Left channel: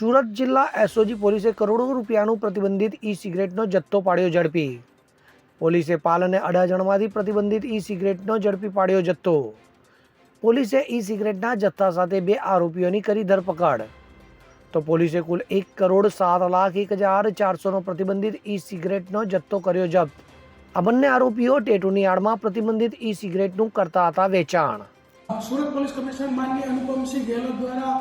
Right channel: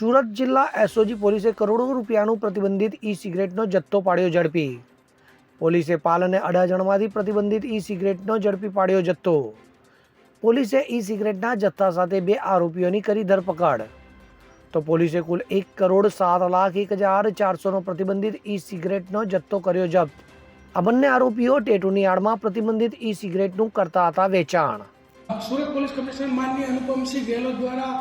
સુરત જિલ્લા એસઓજી પોલીસે કરોડો રૂપિયાનું પ્રતિબંધિત ઈ સિગરેટનો જથ્થો પાડ્યો ઝડપી। પોલીસે પાલ અને અડાજણમાંથી પ્રતિબંધિત ઈ સિગરેટનો ઝડપી પાડ્યો જથ્થો। પોલીસે ઈ સિગરેટના જથ્થા સાથે 2 આરોપીઓની કરી ધરપકડ। તો પોલીસે કુલ 1,07,01,400નો પ્રતિબંધિત ઈ સિગરેટનો જથ્થો કર્યો જપ્ત। આ બંને આરોપીઓ ટેટુની આડમાં પ્રતિબંધિત ઈ સિગરેટનું કરતા હતા વેચાણ। સુરત પોલીસ કમિશનર માનનીય અનુપમસિંહ ગેહલોત દ્વારા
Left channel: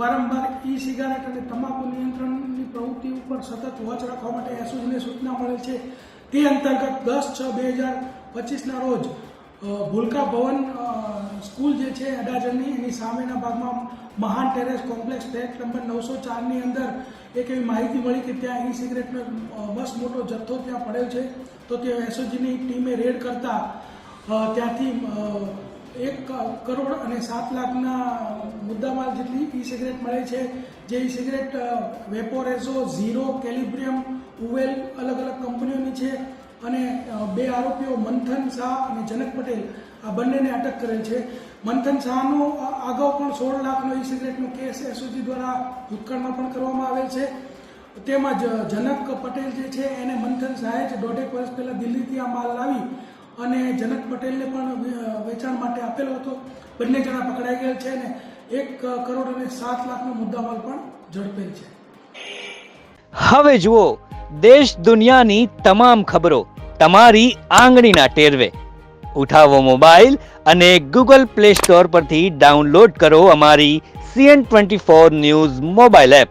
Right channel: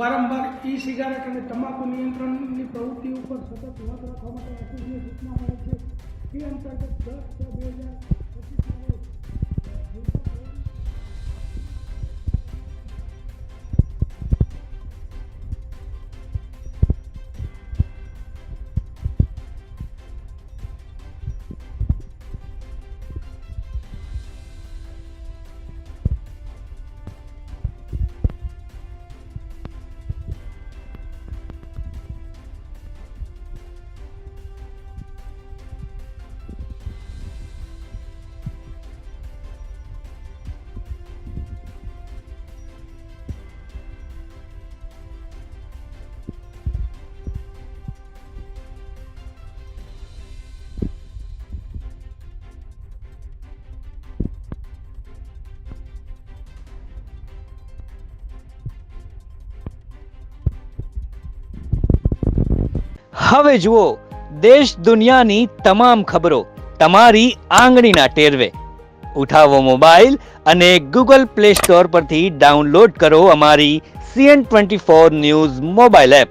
વારંવાર ઈ સિગારેટ અને તમાકુ નિયંત્રણની પ્રવૃત્તિ ઉપર સતત વોચ રાખવા માટે એસઓજીને સૂચના મળે છે। તે અંતર્ગત 10/6/2025ના રોજ ભૂલકા ભવન સ્કૂલ જે છે અડાજણની એની સામેના ભાગમાં મહાન ટેરેસ કોમ્પ્લેક્સ ફ્લેટ નંબર 904ની અંદર એક એવી માહિતી મળી કે ત્યાં ઈ સિગરેટનો બસ મોટો જથ્થો ત્યાં પડ્યો છે। તો તે એસઓજીની ટીમે રેડ કરતા ત્યાંથી 1,07,00,000ના મુદ્દામાલ જેટલી ઈ સિગરેટ મળે છે। જે ઈ સિગરેટ વેપોરેઝો, ઝીરો, કેલિબ્રિયમ, ઉવેલ અલગ અલગ કંપનીઓની છે અને 2 આરોપીઓ મંથન શાહ અને જનક પટેલ આ બંનેને અટક કરેલ છે। મંથન શાહનો અગાઉ પણ 16 લાખનો ઈ સિગરેટનો કેસ એસઓજી દ્વારા ભૂતકાળમાં પણ કરવામાં આવેલ છે। તેમજ જનક પટેલ જે છે એને મંથન શાહે જ 1.5 વર્ષ પહેલાં દિલ્હીથી આ માલ લાવી અને જનક પટેલને પણ વેચાણ માટે આપેલો હતો। બંને જણા પકડાઈ ગયેલ છે અને 1,07,00,000નો મુદ્દામાલ પણ ઝડપેલ છે। હવે જુઓ દેશ દુનિયાની તમામ ખબરો તમારી આંગળીના ટેરવે। ઉઠાવો મોબાઈલ અને ગૂગલ પ્લે સ્ટોર પરથી ડાઉનલોડ કરો અમારી CN24 ન્યૂઝ મોબાઈલ એપ।